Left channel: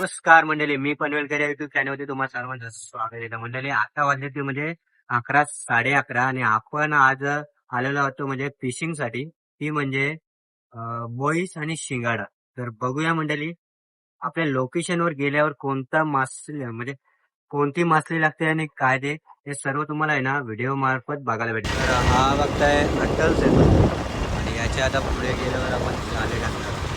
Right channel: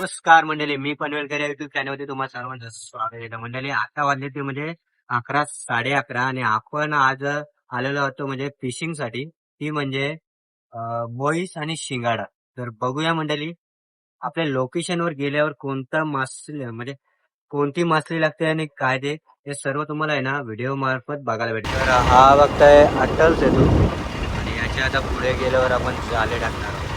नमस्कार मंडळी, मी पनवेलकर या युट्यूब चॅनलवरती तुम्हाला सर्वांचं स्वागत आहे. मंडळी आता वाजले ते म्हणजे 11, 11:30 आणि आपण आज आलेलो होतो म्हणजे फिशिंग साठी. ती म्हणजे बोईस आणि शिंगाडा. तर बघूया मंडळी, आपल्या लोकेशनवर गेल्यावर कोणता मासे म्हणजे कोणती मासळी लागते आणि काय ते हे सर्व तुम्हाला आहे ना व्हिडिओ मार्फत बघायला भेटेल. तर हा बघताय अट्टलच येतो आणि याच्या आता पुढे गेल्यावर आपण जाले टाकणार आहोत.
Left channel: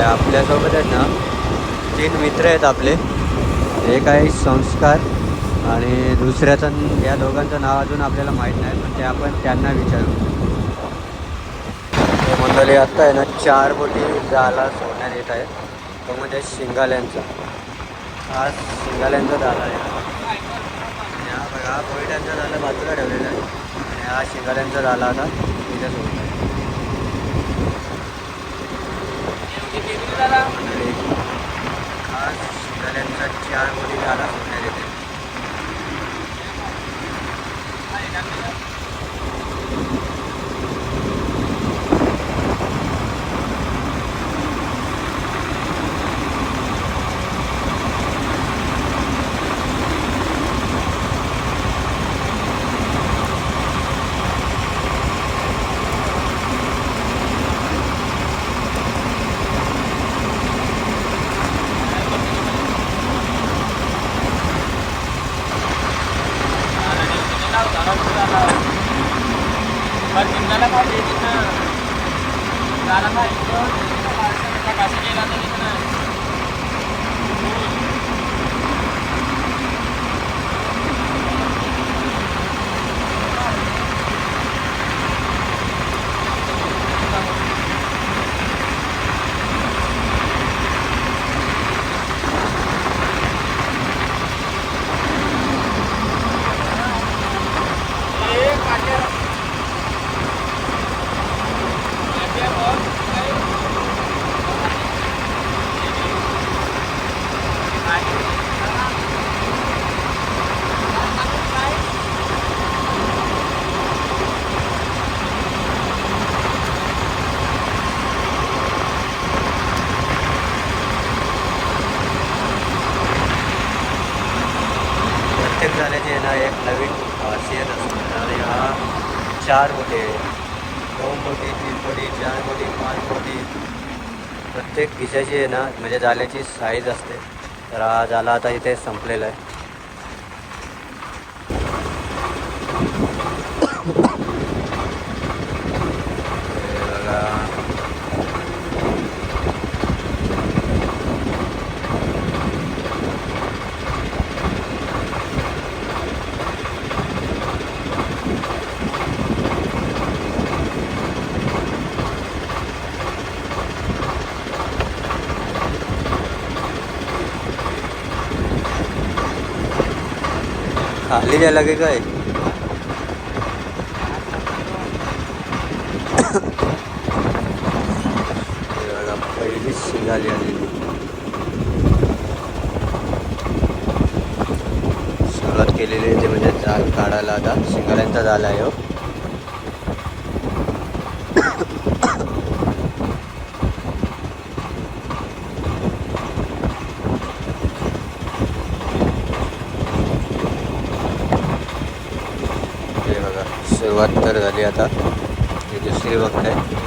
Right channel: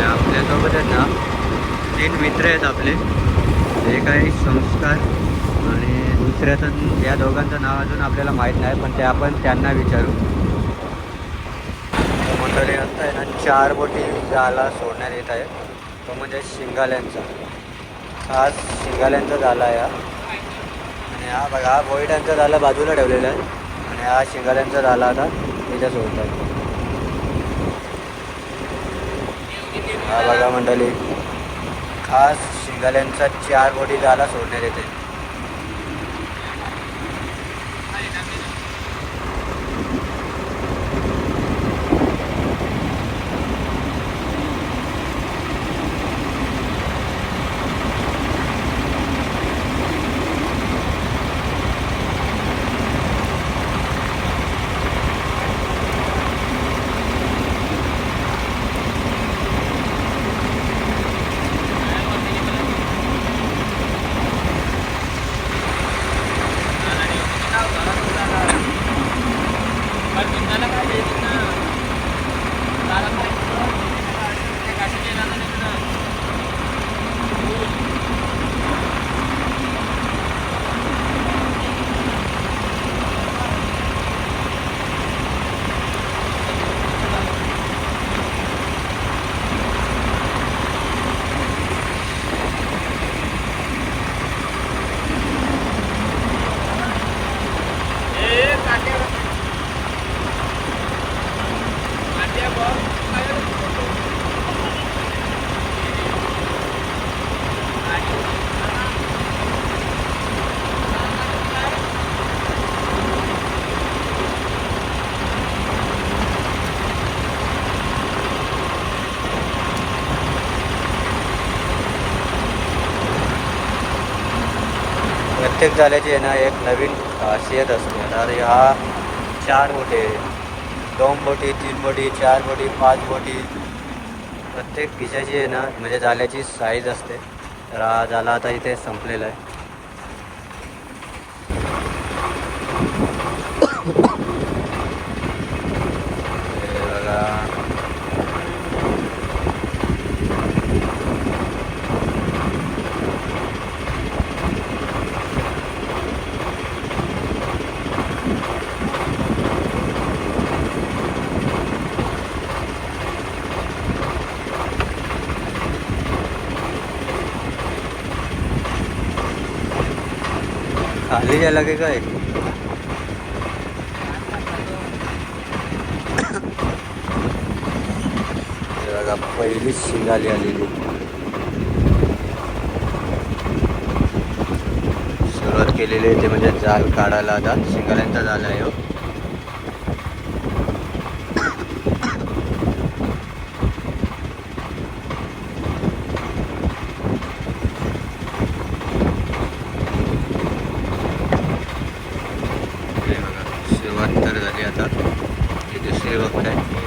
आपल्यासोबत आहेत ना 3 मित्र आहेत आपले. एक आहे संस्कार आणि दुसऱ्याचं, या दोघांचं नाव अजून आपल्याला माहीत नाही, पण ते आपण त्यांना विचारू. तर मंडळी आत्ता आहे ना 4 बोटी जाळा सोडण्यात येत आहे. तो म्हणजे शिंगाल्यांचा, हा शिंगाल्यांचा झाला आहे. आणि हा बघा, हा बोईटांचा झाला बाजूला ठेवलेला आहे आणि हा शिंगाल्यांचा झाला आता इथे सोडत आहे. हा बघा मंडळी, खास शिंगाल्यांचा 4 बोटी जाळा सोडण्यात येते. प्रत्येक जाळ्याची आहे ना एक नवीन खासियत असते. आता हा 4 बोटी, 2 बोटी, 3 बोटी, 4 बोटी, 5 बोटी, प्रत्येक खिशाची आहे ना म्हणजे जाळ्याची साईज असते. तर हा जाळा आता इथे संपलेला आहे. बघा, खाली जायला की काय. बघा, पहिलीच शिंगाली आलेली. सुरुवात केलेली आहे ते म्हणजे जाल काढायला. आता शिंगाल्यांचा जाल आहे हो. बघा, सुरुवात तर झाली. आता ही दुसरी वक्त आहे.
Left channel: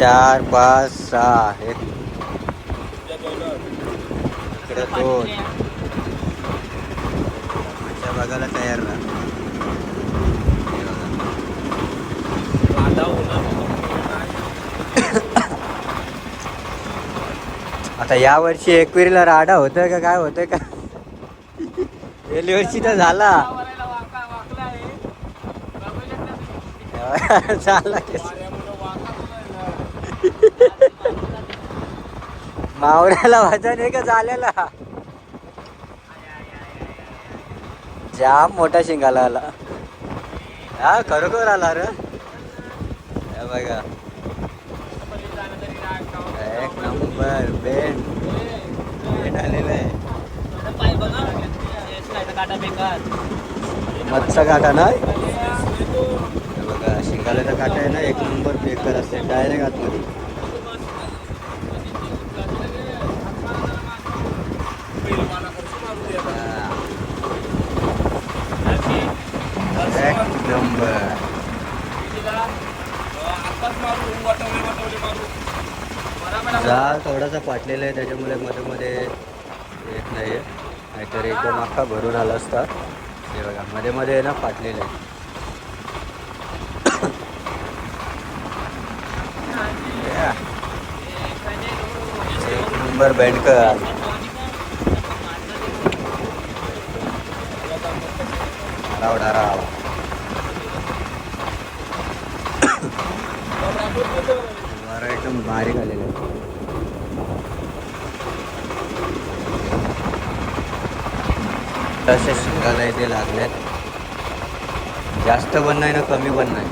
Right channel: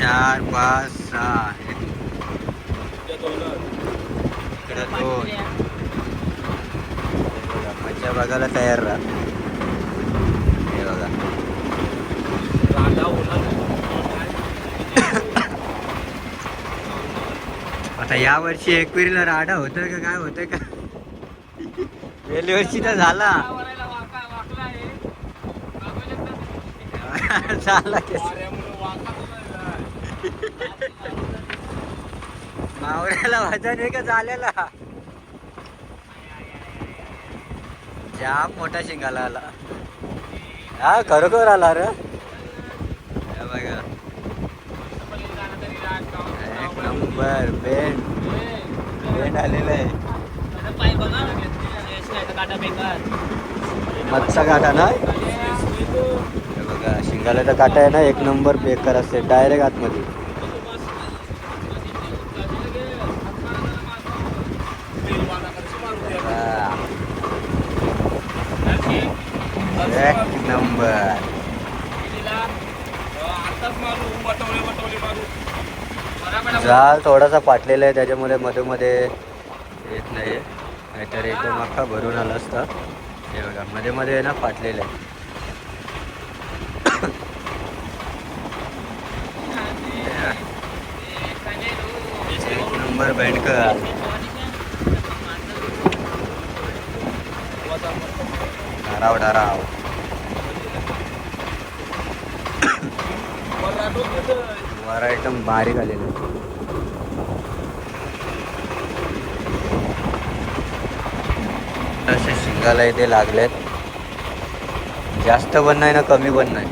4 5 6 इकडे 2. मच्छा बघायला तयार राहा. हे बघा आता या वर्षी एकविरीला राडा होतोय का काय होतंय का? गेल्या वर्षी तर झाला. झाला मावळ्याला वजन आहे का झालेला? जाम मोठा शिंगाला आला. हा खरोखर आला रे. बघा एक नंबर बेंड आलेला आहे. मच्छा काटा ना. हे बघा शिंगाल्याचा काटा आहे ना एक नंबर बेकार असते डायरेक्ट आतमध्ये. एक नंबर. जाल थोडासा फाटलेला आहे त्याच्यामुळे मध्ये मध्ये येत नाही. नाहीतर एकदम अख्खा भरून आला असता. हे बघा मध्ये मध्ये आहे ना फाटलेलं आहे. एक नंबर बँडकर. डराव वारा एकदम बारीक आलेला आहे. असे शिंगाला इथे लागलेत. जास्त पण नाही ना कमी पण नाही.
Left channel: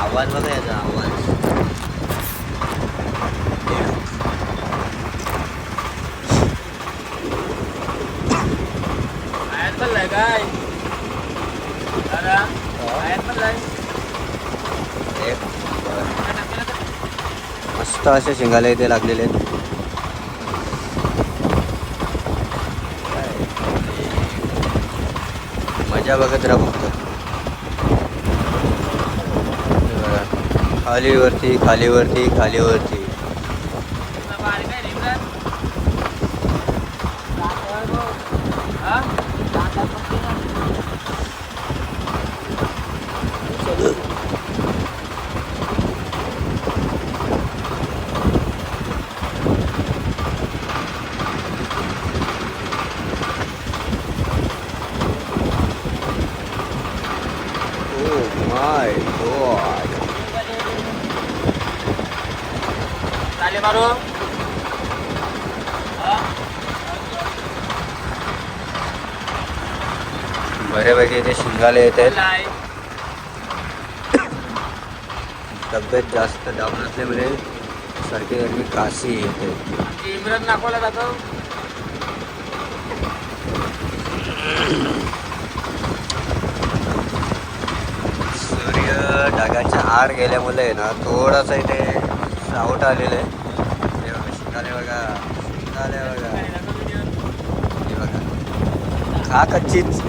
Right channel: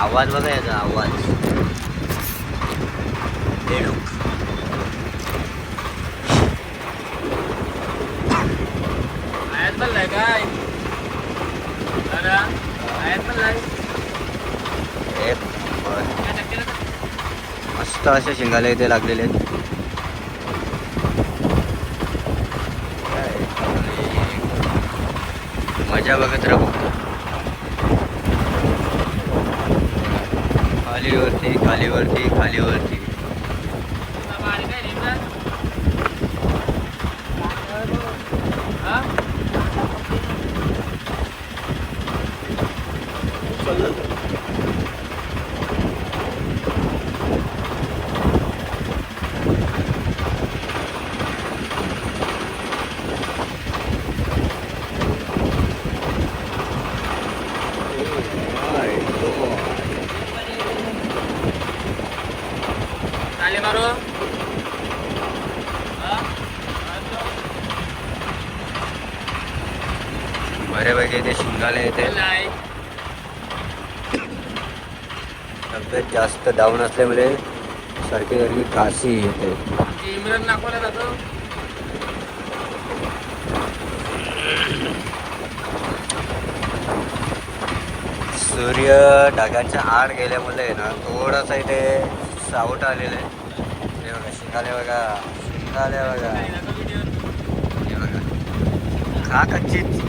आवाज बघा याचा आवाज. मस्त असे शिंगाले इथे लागलेले आहेत. मजा बघत राहू. खालीवरती खालीवरती खालीवरती. बऱ्यापैकी इथे शिंगाले येत आहेत. तब्येत जास्त डाऊन असल्यामुळे सारखी गरमी काशी येते. सूर्य ढगाच्या आड गेल्यामुळे ना थोडासा इथे सावट आलेलं आहे. हे बघा शिंगाले बघा शिंगाले बघा. हे बघा खा कच्चीच.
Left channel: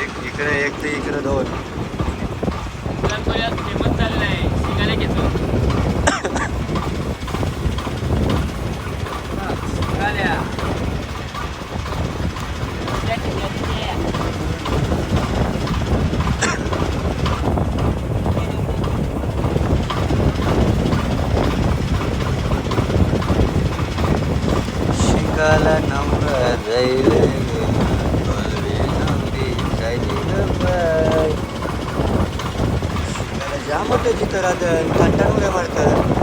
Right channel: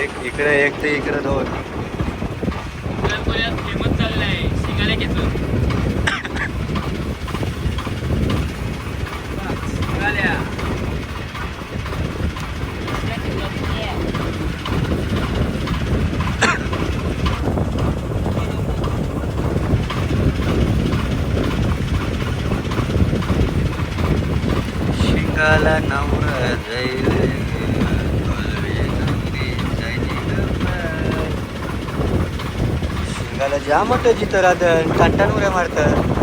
एक इकडे एक ते इकडे 2. शिकाला नवरा जाईल जा मोठं जिथं राहतं ताटान उड्या मारतं.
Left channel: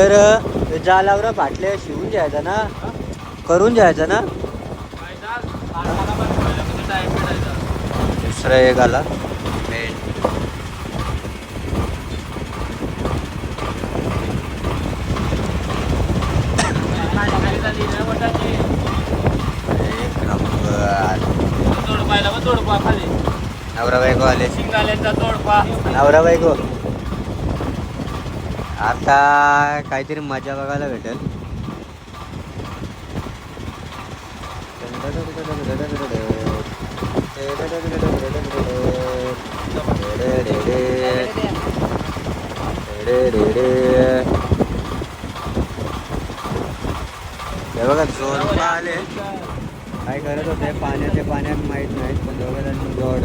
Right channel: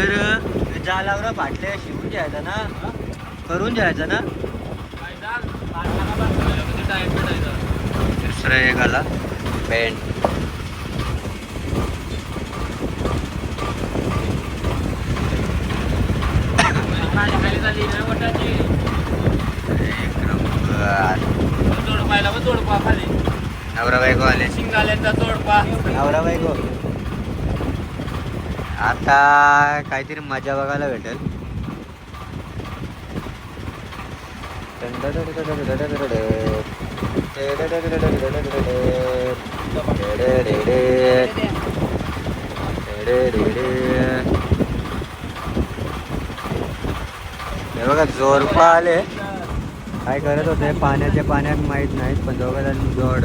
तर ज्या लागलं फाटले शिवून घ्यायचं ना, करून घ्यायचं ना. दुसरं एक आला पेंट. नवरा बायको आले. नवरा बायको आता काहीतरी मजा बघायला भेटेल. हे बघा जोरपा आले. काय करत होते पाण्यात माहित नाहीत, पण दोघांनी जोड.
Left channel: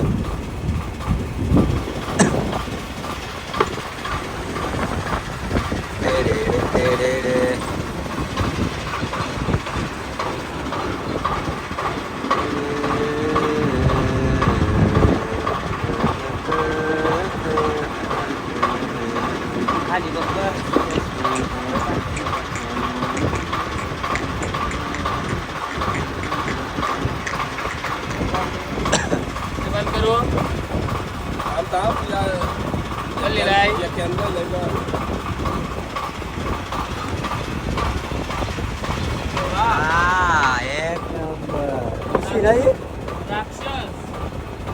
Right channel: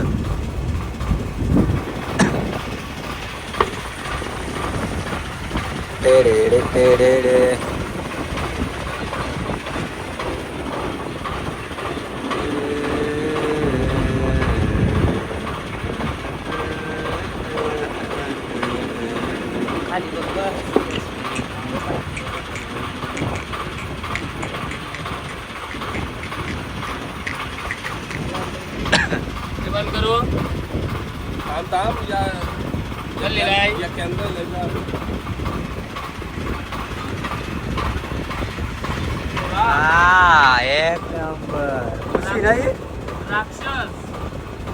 एक नंबर.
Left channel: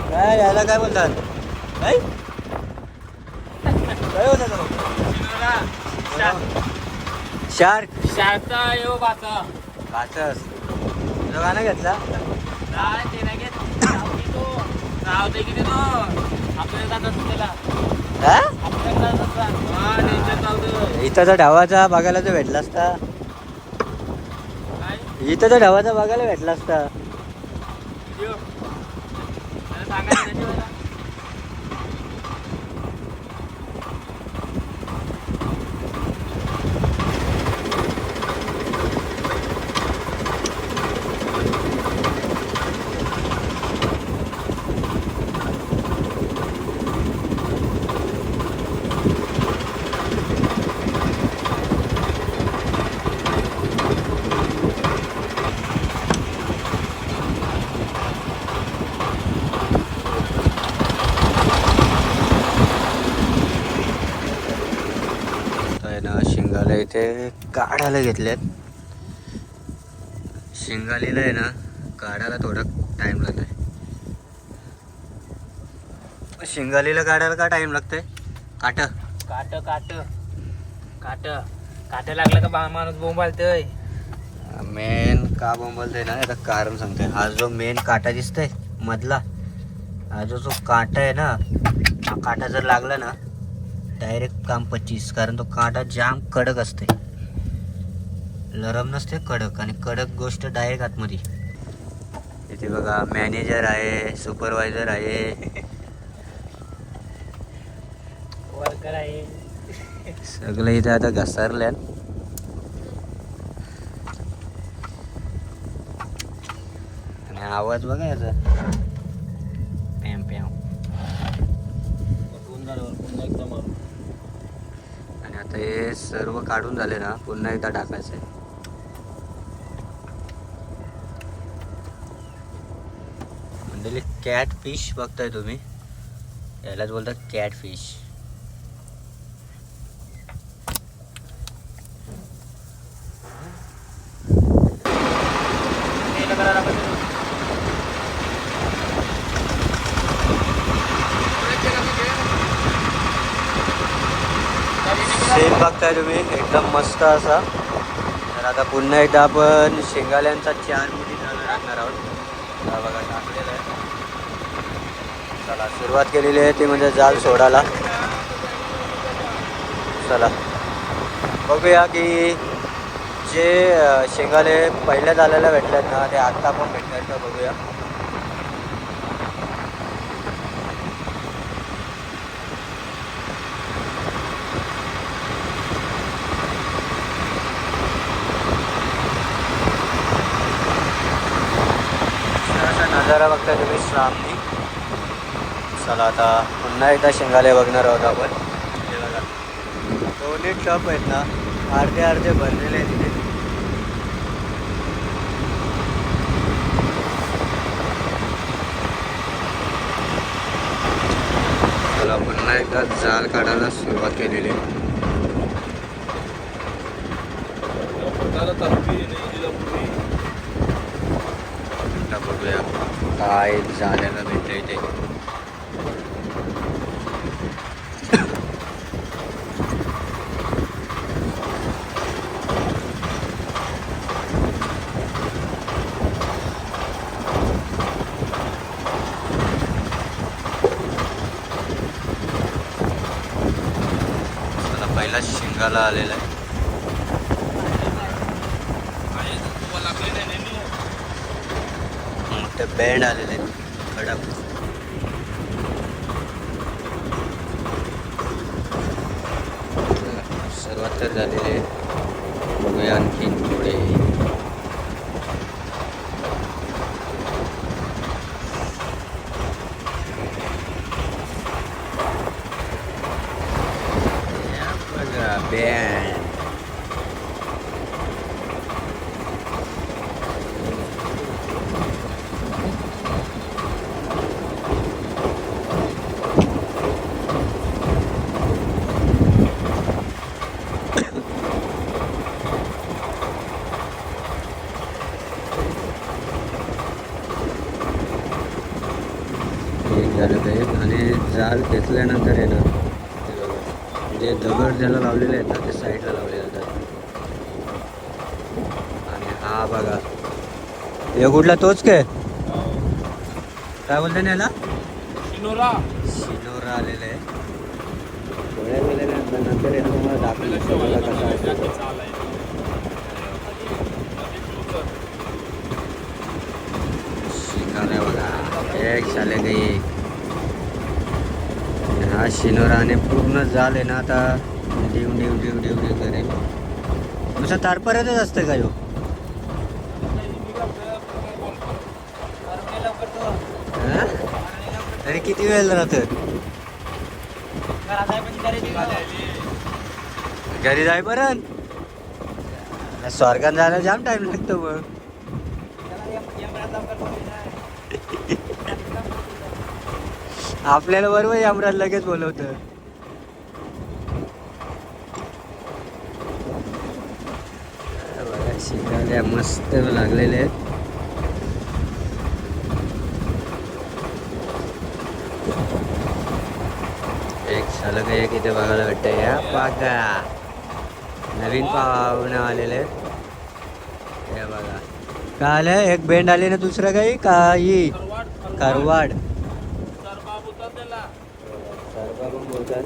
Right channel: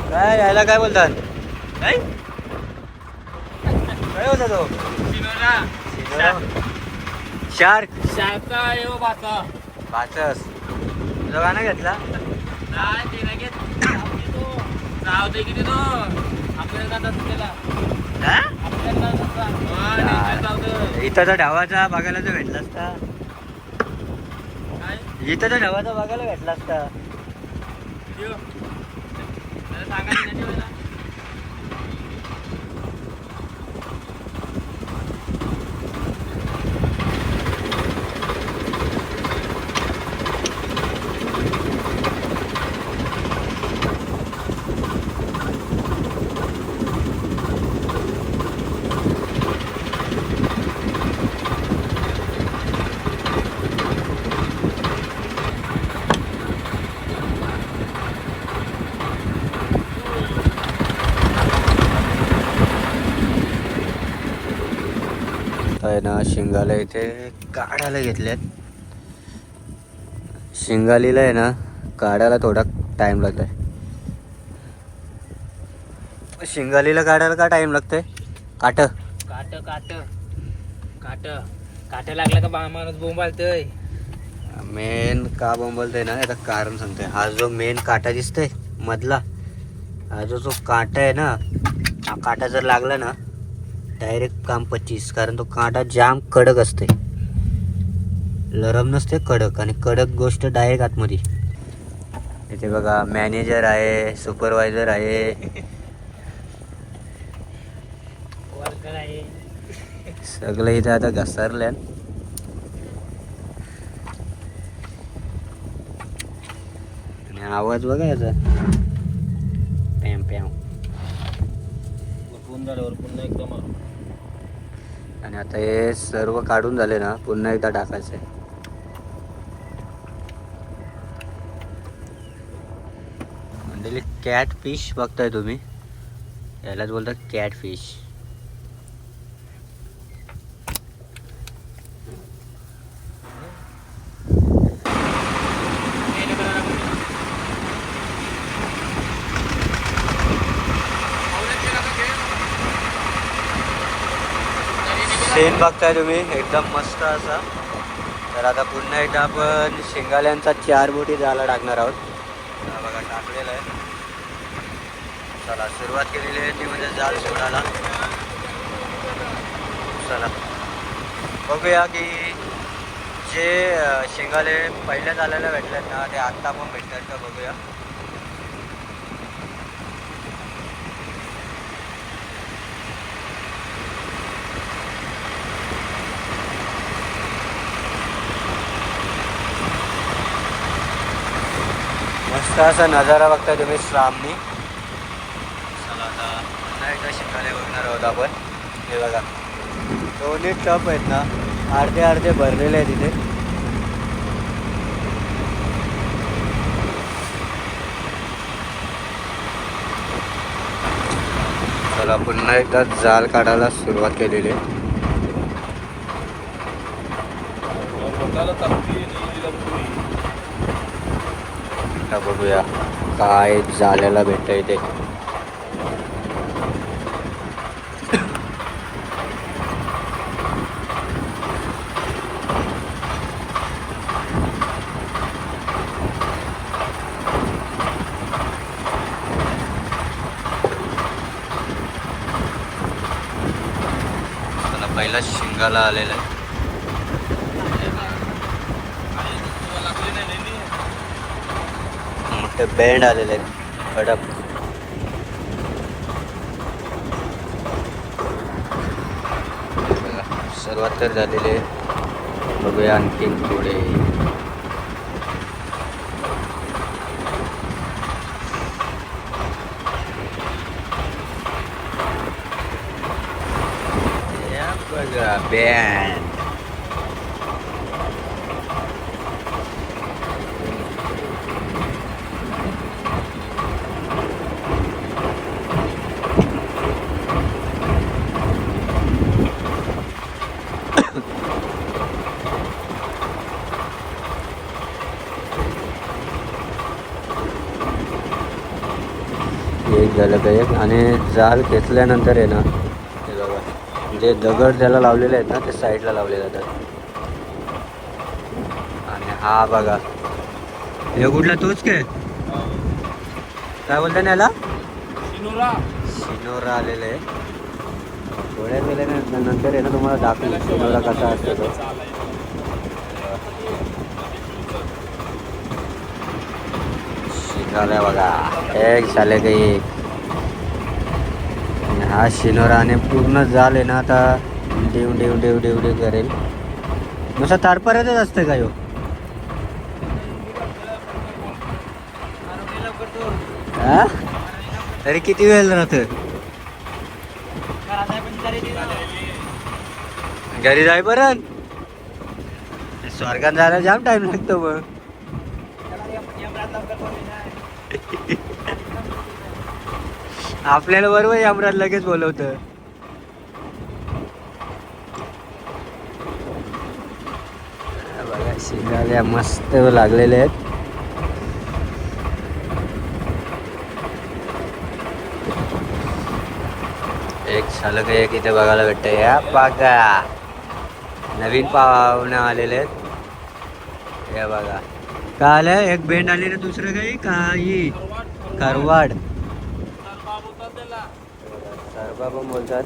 काय यायला काय बोलतात? काय काय होता तो? शार्क. बाचस तुला गाणं घेतला. इथं ढावाचा बघायला तो भेटला असता. इथं तर ढावाचा बघायला भेटला असता. आहे ना शिंगाला इथे काढायला घेतल्यात. शिंगालीला आहे ना काढायला थोडा टाइम लागलाय. शिंगालीला काढायला का टाइम लागतंय? काट लागलं का माणूस बोंबालतोय. मेन का बोंबलतोय ना याचं कारण सांगतोय. हा जो मेन काटा दिसतोय मधला, हा जो काटा आहे ना, हा काटा जर लागला ना डायरेक्ट काम 25. कारण तो काटा जाम कडक असते, लरम नसते, कडक. आणि कडक गोष्ट डायरेक्ट आतमध्ये. इथे बघा मॅनेजर आहे, सुपरवायझर आहे, सगळं इथे आता घसरल्या. आणि आवाज बघा याचा पॅम पॅम. आणि आता हे सर्व काढून झाले ना, पुन्हा एकदा टाकायचं आहे. म्हणजे कॅट फिश बघताय तुम्ही, यालाच बोलतात कॅट फिश. सीन बघताय तुम्ही एकदम मस्त असा. तर आता पुन्हा एकदा आपण शेंगाल्यांचा 4 बोटी जायला टाकणार आहोत. हा बघा टाकलेलं आहे. चला सुरुवात केलेली आहे ती म्हणजे जाल सोडायला. चला बघूया की जे शेंगाले पहिल्या जाल्याला भेटलेत ना ते आत्ता पण भेटतात का बघूया. मस्त असा नजारा बघताय तुम्ही सामने. चला आता पुन्हा एकदा शेंगाले बघणार आहोत आपण. हे बघा दोन्ही टप आहेत ना अर्धे अर्धे भरलेले आहेत तिथे. चला पुन्हा एकदा जाल काढायला सुरुवात केलेली आहे. आता बघूया काय जाल्याला भेटतं इथे. पहिला शिंगाला आलेला आहे. मोठे बँड आलेले आहेत कडक. सुरुवात तर झालेली आहे. बघूया आणखीन पुढे. बघा बँड. एक झालं पाहिजे आणि जाल खेचल्यानंतर आहे ना जे दगड ज्याला लावलेले आहेत ना ते साईडला लावले जातात. आणि हा बघा हे कुठला तोच काय बोलता ना याला शिनोरा आलेलं आहे. डोळ्यात गेल्यानंतर आहे ना तुम्हाला दाखवलं शिनोरा कसा असतो. शिंगाला बघा एक झाले काही. हा शिनोराने पूर्ण जाल आहे ना आता देव देव देव देव देव करेल. नुसतं तारपर्यंतच असतं का ह्यो. हा तरी किती वेळ राहतं घरी जाईपर्यंत. स्वर्गात जायला जाम टाइम लागतो मग. आपल्याला बरोबर यमराज लगेच बोलवतं. बघा शिंगाल्या मस्त लागलेले आहेत. एक झालं एक इथे बघायला भेटतंय. या बघा नवीन पाहुणे आलेले आहेत. हे बघा काय आलंय एक बेंड आली ना दुसरं काही खरवाड सरबा पण बोलतात.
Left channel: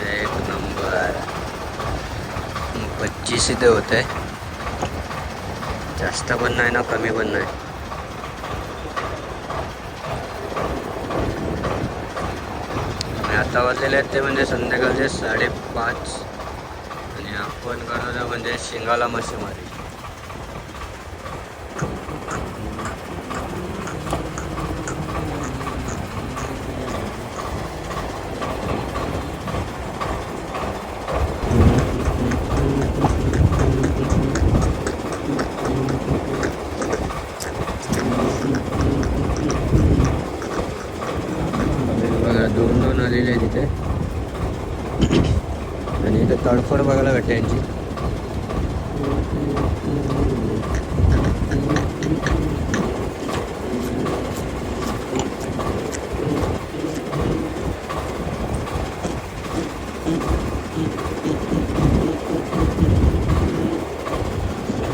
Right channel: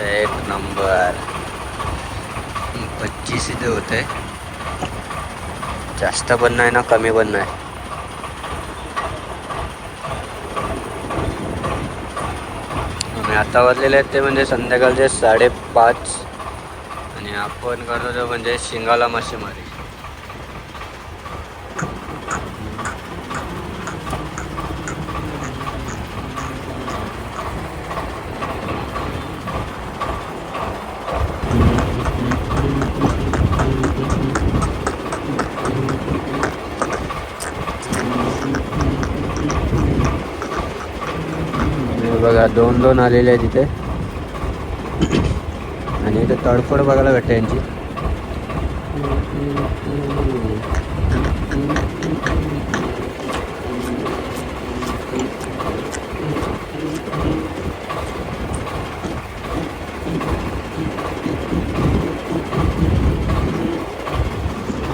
एक नंबर 25 इथे होते. जास्त पण नाही ना कमी पण नाही. आणि आता वाजलेले आहेत ते म्हणजे संध्याकाळचे 5:30 आणि आपण करतो म्हणजे शिंगाला मासेमारी. बघा 2-2 आलेले आहेत इथे. आणि इथे तडफड बघायला भेटते यांची.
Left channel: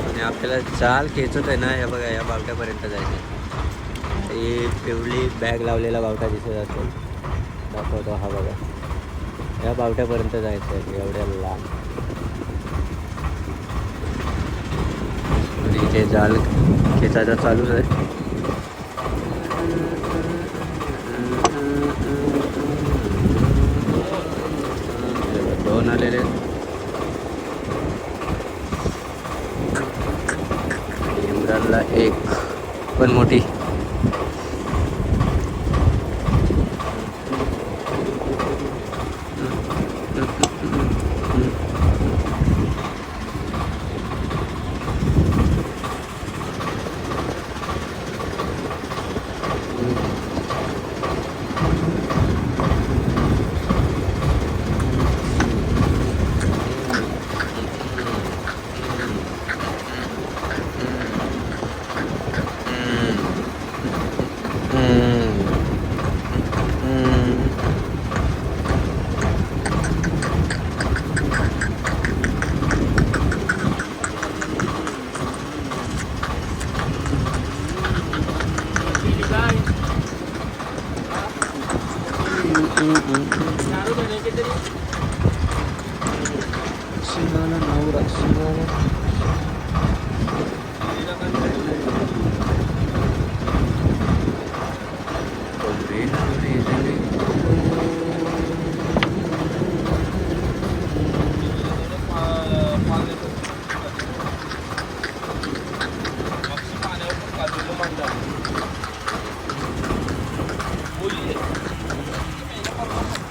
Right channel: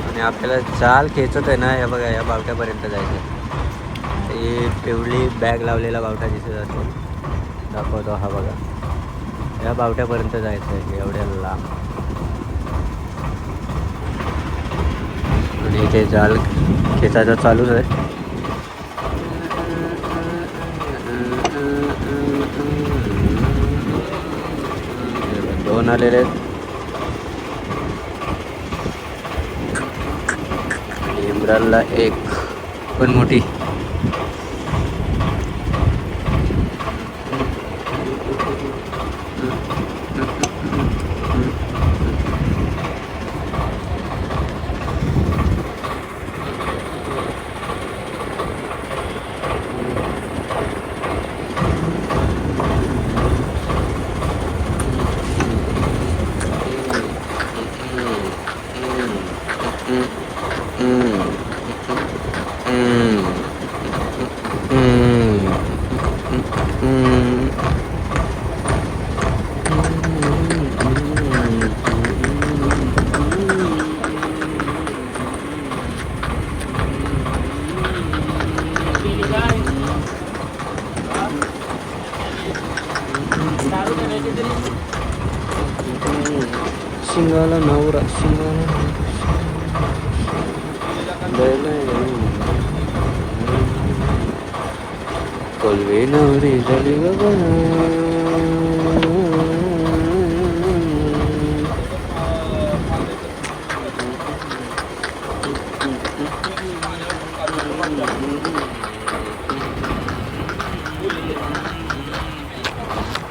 आणि आपल्याला जाल खेचत आहे ना, हे बघा या बावट्यापर्यंत जायचं. ही पिवळी बॅग लावलेला बावटा दिसत असेल, दाखवतो हा बघा. या बावट्यापर्यंत जायचं आहे एवढ्या लांब. आणि इथे जाल खेचायचा चालूच आहे. दोन आलेले आहेत. आणि इम्रानला एक पण मोठी.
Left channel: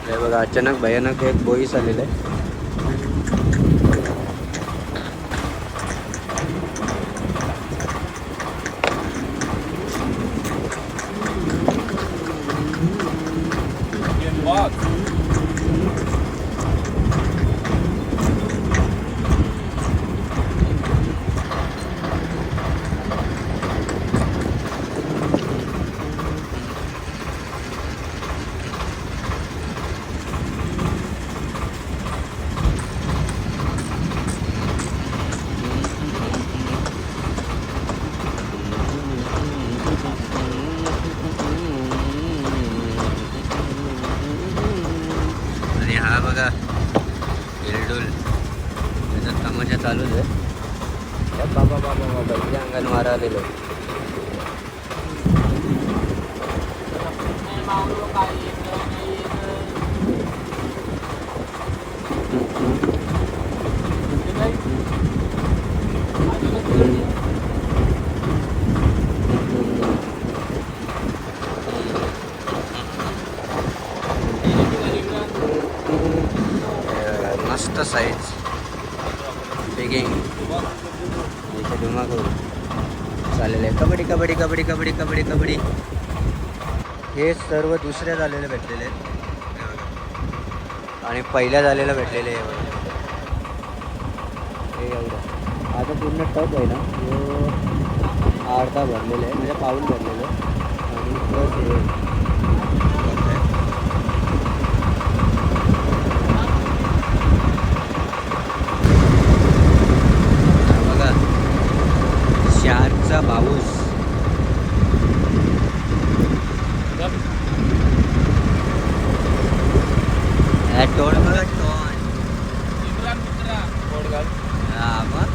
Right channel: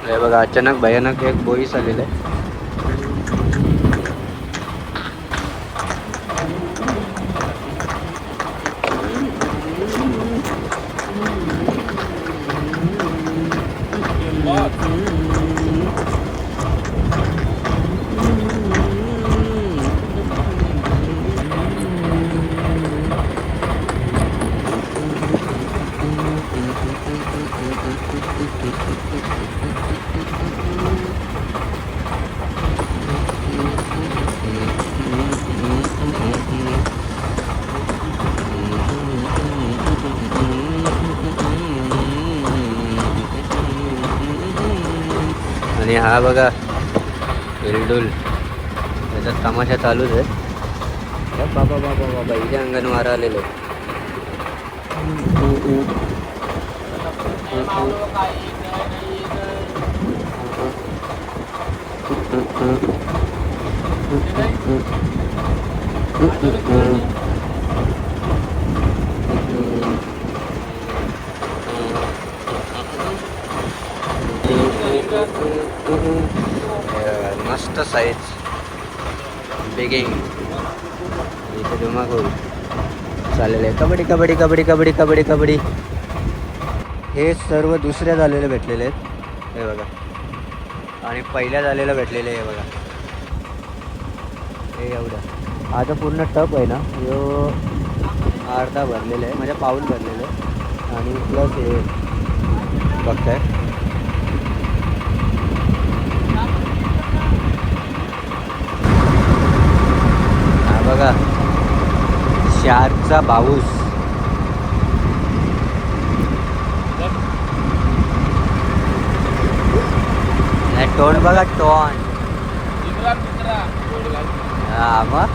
हे बघा अचानक भयानक एक बोईस आलेलं आहे. आणि हा बघा एलडोल, त्याचा तमाशा चालूच आहे. रंगणमार आलेलं. मस्त साईज बिगिंग. इथे धुमाकूळ चाललेलं आहे. कबड्डी कबड्डी कबड्डी कबड्डी कबड्डी कबड्डी. हे सर्व दुसऱ्या झालेले भेटलेले आहेत हे बघा. आणि पहिल्या झालेलं भेटलेलं आहे हे बघा. हे एवढं आता पूर्ण टप आहे ना, जो अर्धा भरलेला आहे म्हणजे पाऊल भरलेलं आहे. आणि प्लस हे बघताय बघा शार्कचा बाऊस. टोन बघा टोन. हा मग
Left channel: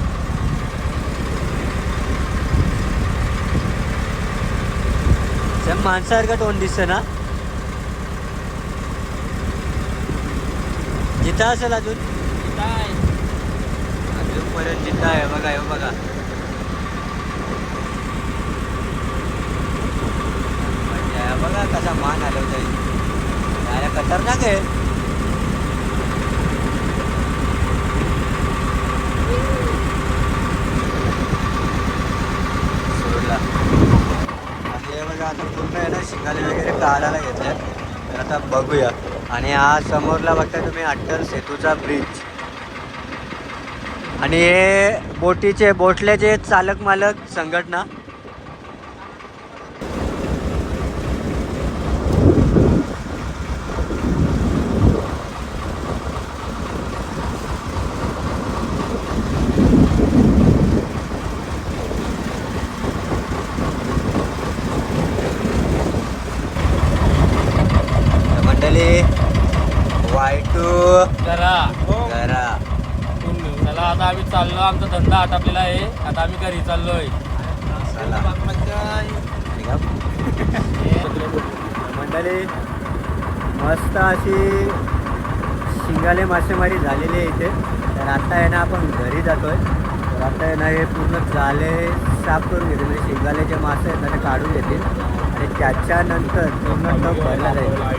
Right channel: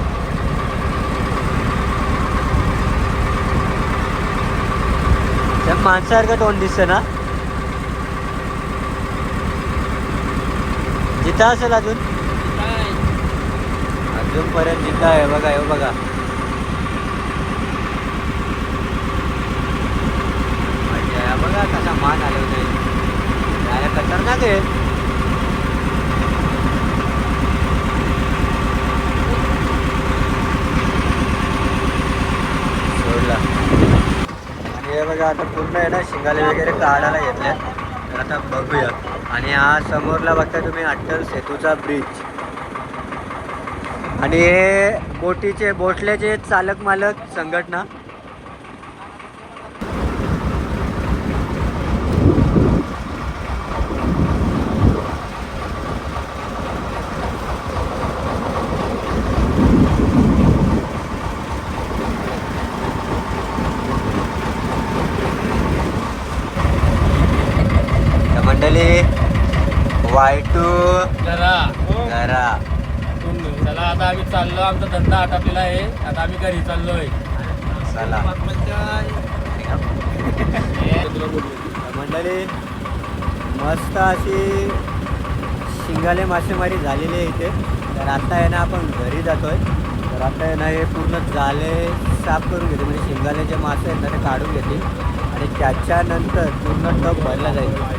माणसासारखं टोन दिसतं ना. जिथं असेल अजूनपर्यंत जिथं आहे बघा. हे बघा बघा कसा मान आठवतोय. खतरनाक आहे. सोडला. आणि हे बघा आता पूर्ण आहे ना शिंगाले वगैरे काढायला घेतले. तर आता बघूया. आणि हा समोरला बघता तुम्ही अट्टल सेतूचा ब्रिज. आणि हे बोटल्याचे चालक मालक संघटना. तर मंडळी Y2 जरा घरा. चला आता आम्ही चाललो, आमचा धंदा आटापलेला आहे, आता आम्ही घरी चाललोय. चला मंडळी मस्त अशी शिंगाले मासेमारी झालेली आहे इथे. तर आता आहे ना आपण घरी जातोय. तर आता आहे ना हे पूर्ण जाले साफ करून घेते, म्हणजे शिंगाले जे मासे आहेत ना ते काढून घेतील आणि त्याच्यानंतर पूर्ण टप भरला जाईल.